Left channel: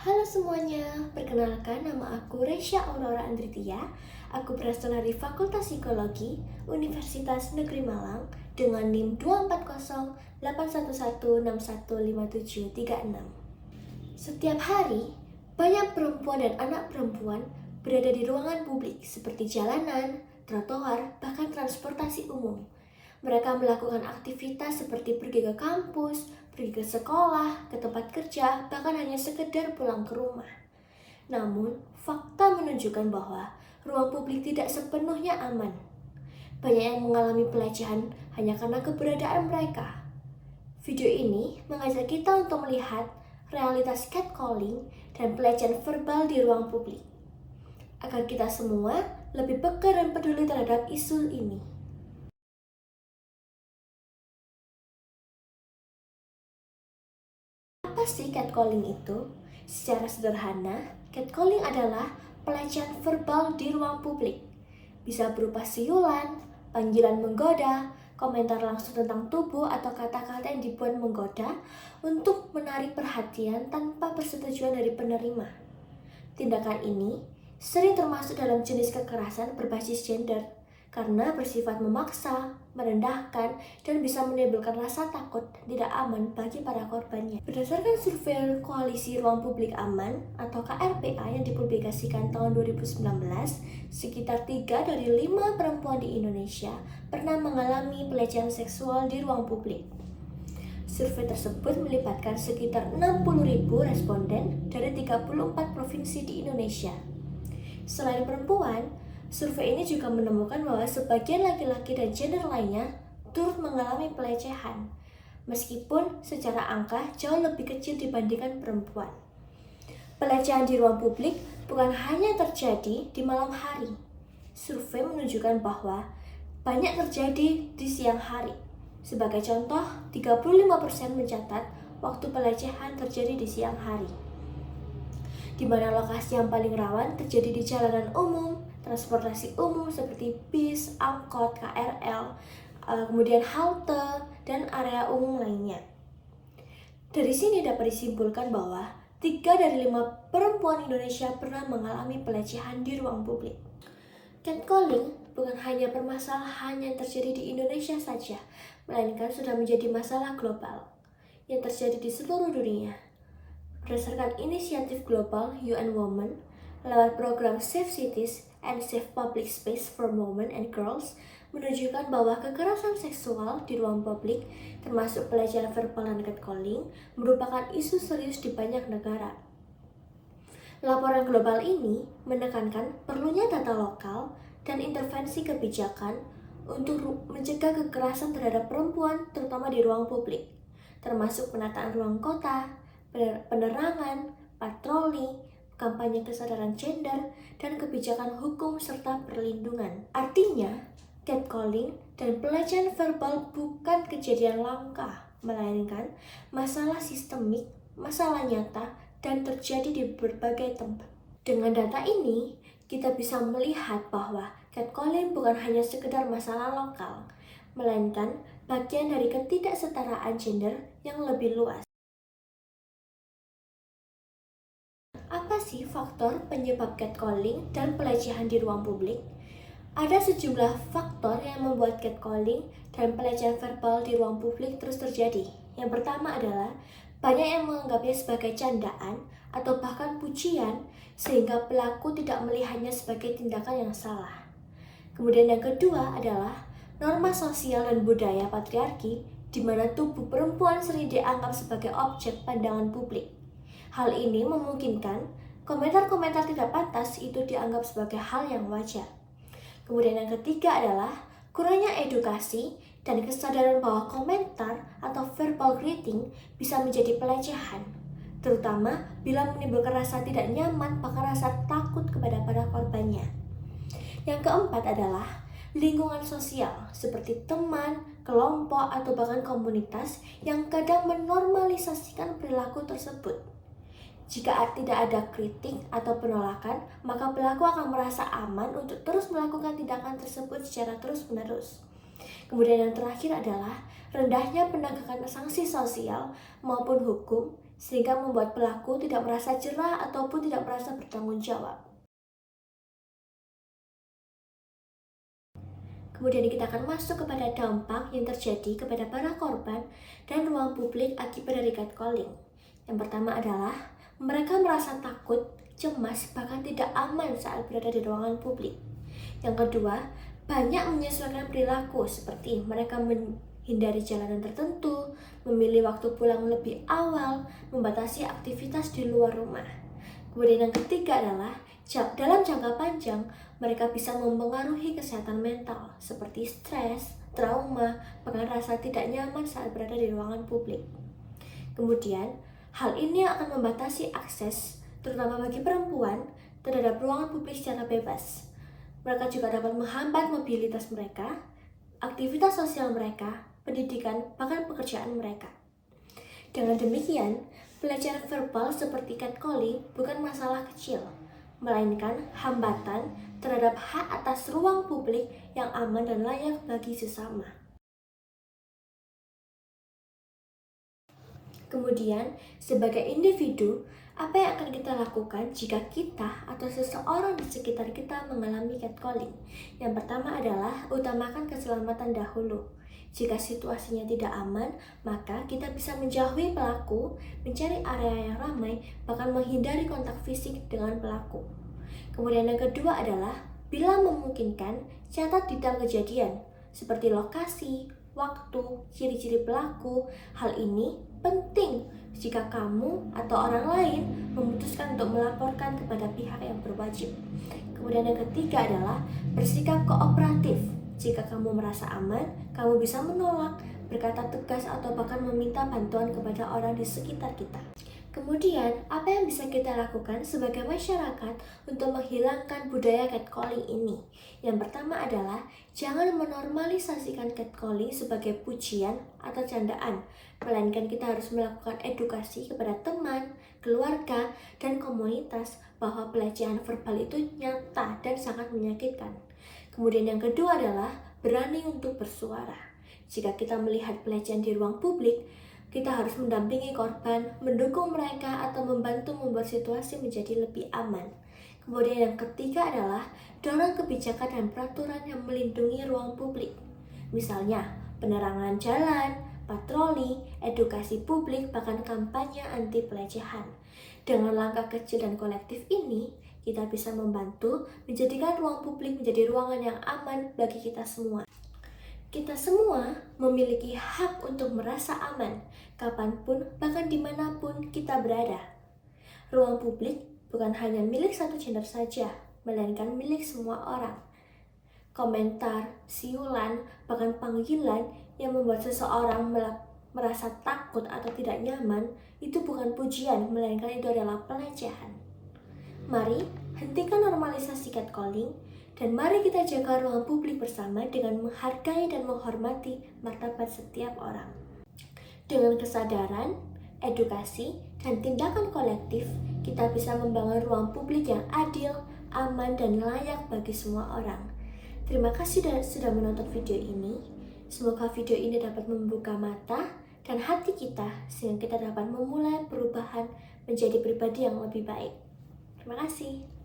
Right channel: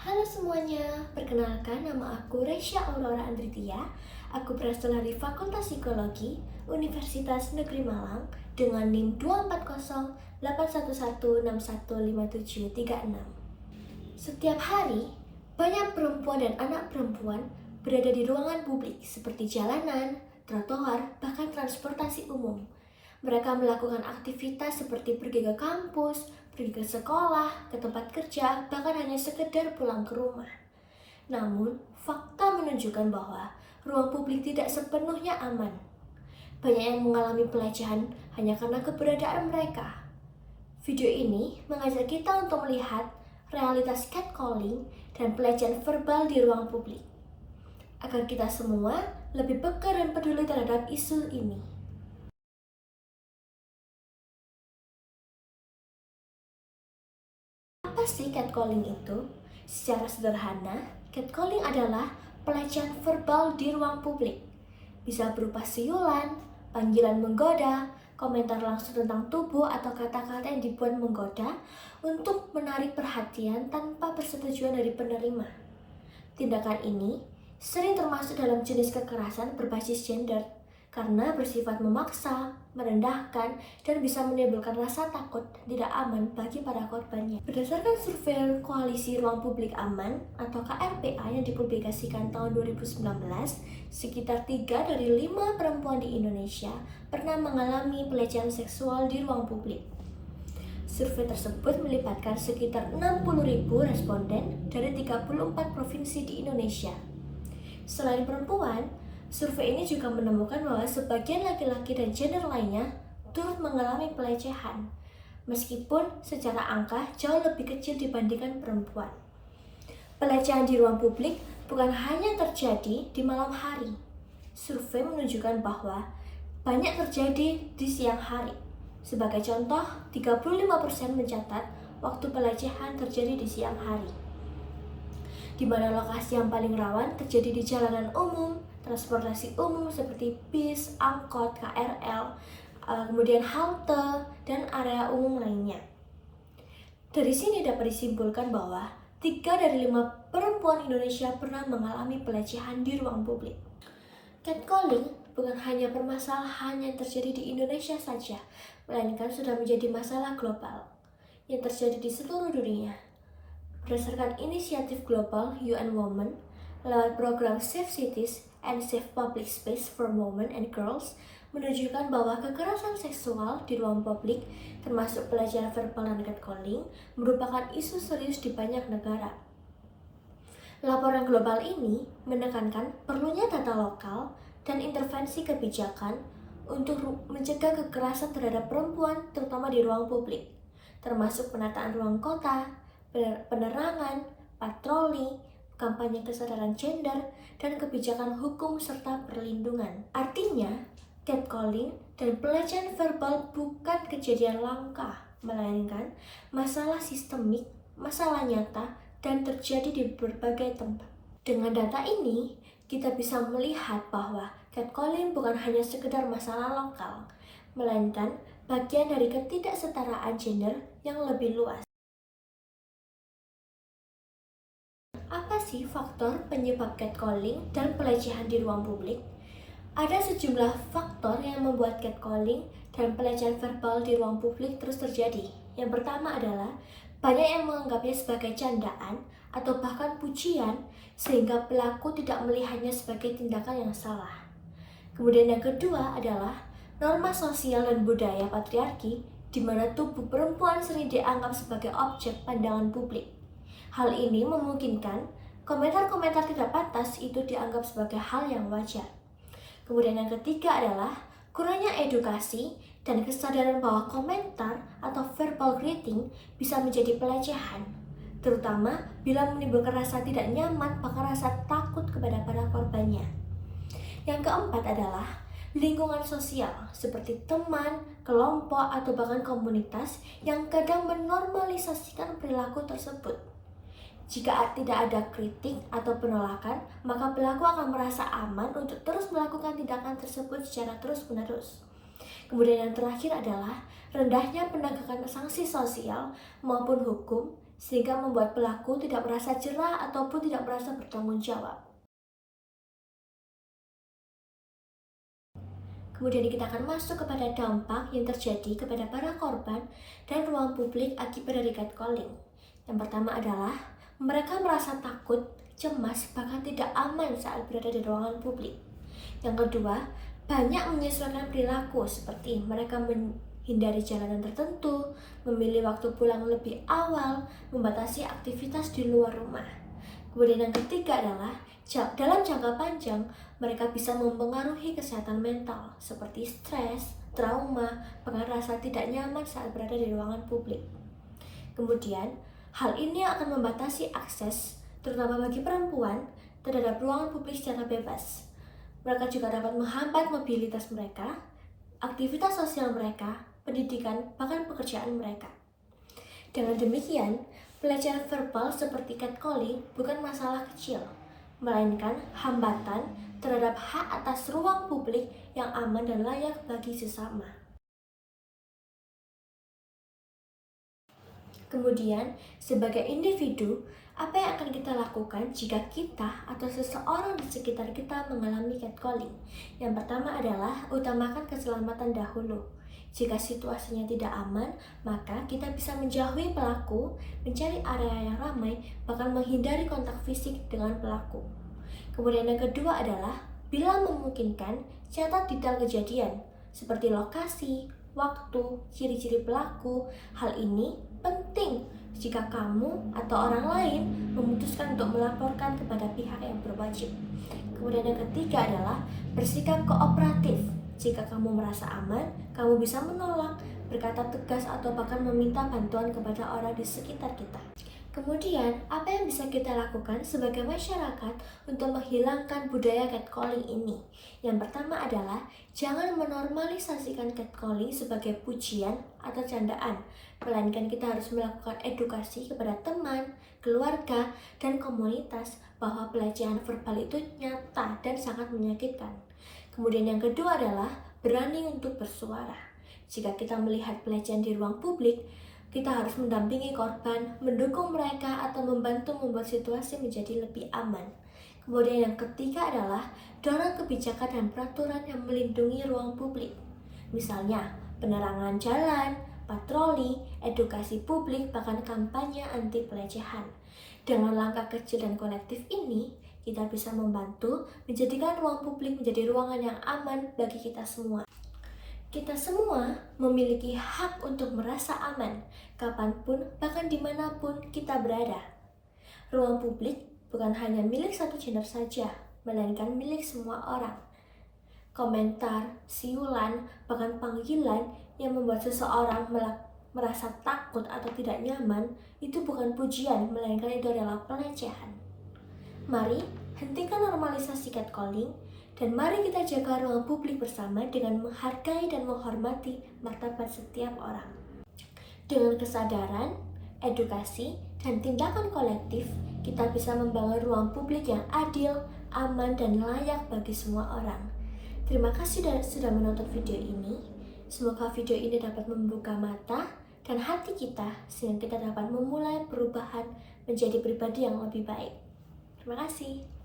Halo semuanya, perkenalkan nama aku Resya Aurora Andritia. Aku berasal dari Fakultas Psikologi Universitas Negeri Malang dengan NIM 2408116157366. Setiap hari, banyak perempuan dan anak perempuan berada di ruangan publik seperti jalanan, trotoar, bahkan transportasi umum. Mereka melakukan aktivitas seperti pergi ke kampus, pergi ke sekolah, ke tempat kerja, bahkan hanya sekedar pulang ke rumah. Namun, fakta menunjukkan bahwa ruang publik tidak sepenuhnya aman. Banyak yang mengalami pelecehan hanya karena keberadaan mereka. Video ini mengajak kita untuk melihat realitas catcalling dan pelecehan verbal di ruang publik, agar kita semua lebih peka dan peduli terhadap isu ini. Apa sih catcalling itu? Secara sederhana, catcalling adalah pelecehan verbal di ruang publik. Bisa berupa siulan, panggilan menggoda, komentar langsung tentang tubuh atau kata-kata yang dibuat menggoda untuk menarik perhatian tanpa persetujuan dari penerima. Tindakan ini sering termasuk dalam jenis kekerasan berbasis gender karena bersifat memaksa, merendahkan, dan bisa menimbulkan rasa takut dan tidak aman bagi para korbannya. Berdasarkan survei Koalisi Ruang Publik Aman atau KRPA yang dipublikasikan tahun 2019, sekitar 3 dari 5 perempuan di Indonesia pernah mengalami pelecehan seksual di ruang publik. Survei tersebut melibatkan sekitar 60.000 responden dari 34 provinsi di Indonesia. Selain perempuan, survei ini juga menemukan bahwa sebagian laki-laki dan gender lainnya turut mengalami pelecehan, meskipun secara angka jauh lebih kecil dibandingkan perempuan. Pelecehan di ruang publik bukan hanya terjadi di malam hari. Survei menunjukkan bahwa banyak terjadi di siang hari. Sebagai contoh, 35% mencatat waktu pelecehan terjadi di siang hari, di mana lokasi yang paling rawan terjadi di jalanan umum, transportasi umum seperti bis, angkot, KRL, kemudian halte, dan area umum lainnya. Dari sini dapat disimpulkan bahwa 3 dari 5 perempuan Indonesia pernah mengalami pelecehan di ruang publik. Catcalling bukan hanya permasalahan yang terjadi di Indonesia saja, melainkan sudah menjadi masalah global yang terjadi di seluruh dunia. Berdasarkan inisiatif global UN Women, lewat program Safe Cities and Safe Public Space for Women and Girls, menunjukkan bahwa kekerasan seksual di ruang publik, termasuk pelecehan verbal dan catcalling, merupakan isu serius di banyak negara. Laporan global ini menekankan perlunya data lokal dan intervensi kebijakan untuk mencegah kekerasan terhadap perempuan, terutama di ruang publik, termasuk penataan ruang kota, penerangan, patroli, kampanye kesadaran gender, dan kebijakan hukum serta perlindungan. Artinya, catcalling dan pelecehan verbal bukan kejadian langka, melainkan masalah sistemik, masalah nyata, dan terjadi di berbagai tempat. Dengan data ini, kita bisa melihat bahwa catcalling bukan hanya sekedar masalah lokal, melainkan bagian dari ketidaksetaraan gender yang lebih luas. Apa sih faktor penyebab catcalling dan pelecehan di ruang publik? Ada sejumlah faktor yang membuat catcalling dan pelecehan verbal di ruang publik terus terjadi. Yang pertama adalah banyak yang menganggapnya sebagai candaan atau bahkan pujian, sehingga pelaku tidak melihatnya sebagai tindakan yang salah. Kemudian yang kedua adalah norma sosial dan budaya patriarki, di mana tubuh perempuan sering dianggap sebagai objek pandangan publik. Hal ini memungkinkan komentar-komentar tidak pantas itu dianggap sebagai hal yang wajar. Kemudian yang ketiga adalah kurangnya edukasi dan kesadaran bahwa komentar atau verbal greeting bisa menjadi pelecehan, terutama bila menimbulkan rasa tidak nyaman bahkan rasa takut kepada para korbannya. Yang keempat adalah lingkungan sosial seperti teman, kelompok, atau bahkan komunitas yang kadang menormalisasikan perilaku tersebut. Jika tidak ada kritik atau penolakan, maka pelaku akan merasa aman untuk terus melakukan tindakan tersebut secara terus-menerus. Kemudian yang terakhir adalah rendahnya penegakan sanksi sosial maupun hukum, sehingga membuat pelaku tidak merasa jerah ataupun tidak merasa bertanggung jawab. Kemudian kita akan masuk kepada dampak yang terjadi kepada para korban dan ruang publik akibat dari catcalling. Yang pertama adalah mereka merasa takut, cemas, bahkan tidak aman saat berada di ruangan publik. Yang kedua, banyak menyesuaikan perilaku seperti mereka menghindari jalanan tertentu, memilih waktu pulang lebih awal, membatasi aktivitas di luar rumah. Kemudian yang ketiga adalah dalam jangka panjang, mereka bisa mempengaruhi kesehatan mental seperti stres, trauma, bahkan rasa tidak nyaman saat berada di ruangan publik. Kemudian, hal ini akan membatasi akses, terutama bagi perempuan, terhadap ruangan publik secara bebas. Mereka juga dapat menghambat mobilitas mereka, aktivitas sosial mereka, pendidikan, bahkan pekerjaan mereka. Dengan demikian, pelecehan verbal seperti catcalling bukan masalah kecil, melainkan hambatan terhadap hak atas ruang publik yang aman dan layak bagi sesama. Kemudian, sebagai individu, apa yang akan kita lakukan jika kita atau seseorang di sekitar kita mengalami catcalling? Yang pertama adalah utamakan keselamatan dahulu. Jika situasinya tidak aman, maka kita bisa menjauhi pelaku, mencari area yang ramai, bahkan menghindari kontak fisik dengan pelaku. Kemudian yang kedua adalah, bila memungkinkan, catat detail kejadian, seperti lokasi, waktu, ciri-ciri pelaku. Hal ini penting jika kamu atau orang lain memutuskan untuk melaporkan kepada pihak yang berwajib. Kemudian yang ketiga adalah bersikap kooperatif. Jika kamu merasa aman, kamu bisa menolak, berkata tegas, atau bahkan meminta bantuan kepada orang di sekitar kita. Kemudian, apa yang bisa kita lakukan sebagai masyarakat untuk menghilangkan budaya catcalling ini? Yang pertama adalah jangan menormalisasikan catcalling sebagai pujian atau candaan, melainkan kita harus melakukan edukasi kepada teman, keluarga, dan komunitas bahwa pelecehan verbal itu nyata dan sangat menyakitkan. Kemudian yang kedua adalah berani untuk bersuara. Jika kita melihat pelecehan di ruang publik, kita harus mendampingi korban, mendukung mereka, atau membantu membuat situasi menjadi lebih aman. Kemudian yang ketiga adalah dorong kebijakan dan peraturan yang melindungi ruang publik. Misalnya, penerangan jalan, patroli, edukasi publik, bahkan kampanye anti pelecehan. Dengan langkah kecil dan kolektif ini, kita bisa membantu menjadikan ruang publik menjadi ruangan yang aman bagi kita semua. Kita semua memiliki hak untuk merasa aman, kapanpun, bahkan dimanapun kita berada. Ruang publik bukan hanya milik satu gender saja, melainkan milik semua orang. Komentar, siulan, bahkan panggilan yang membuat seseorang merasa takut atau tidak nyaman, itu bukan pujian, melainkan itu adalah pelecehan. Mari hentikan normalisasi catcalling, dan mari kita jaga ruang publik bersama dengan menghargai dan menghormati martabat setiap orang. Dengan kesadaran, edukasi, dan tindakan kolektif, kita bisa membangun ruang publik yang adil, aman, dan layak bagi semua orang. Terima kasih sudah menonton video ini. Semoga video ini dapat membuka mata dan hati kita, sehingga kita dapat memulai perubahan menjadi pribadi yang lebih baik. Terima kasih.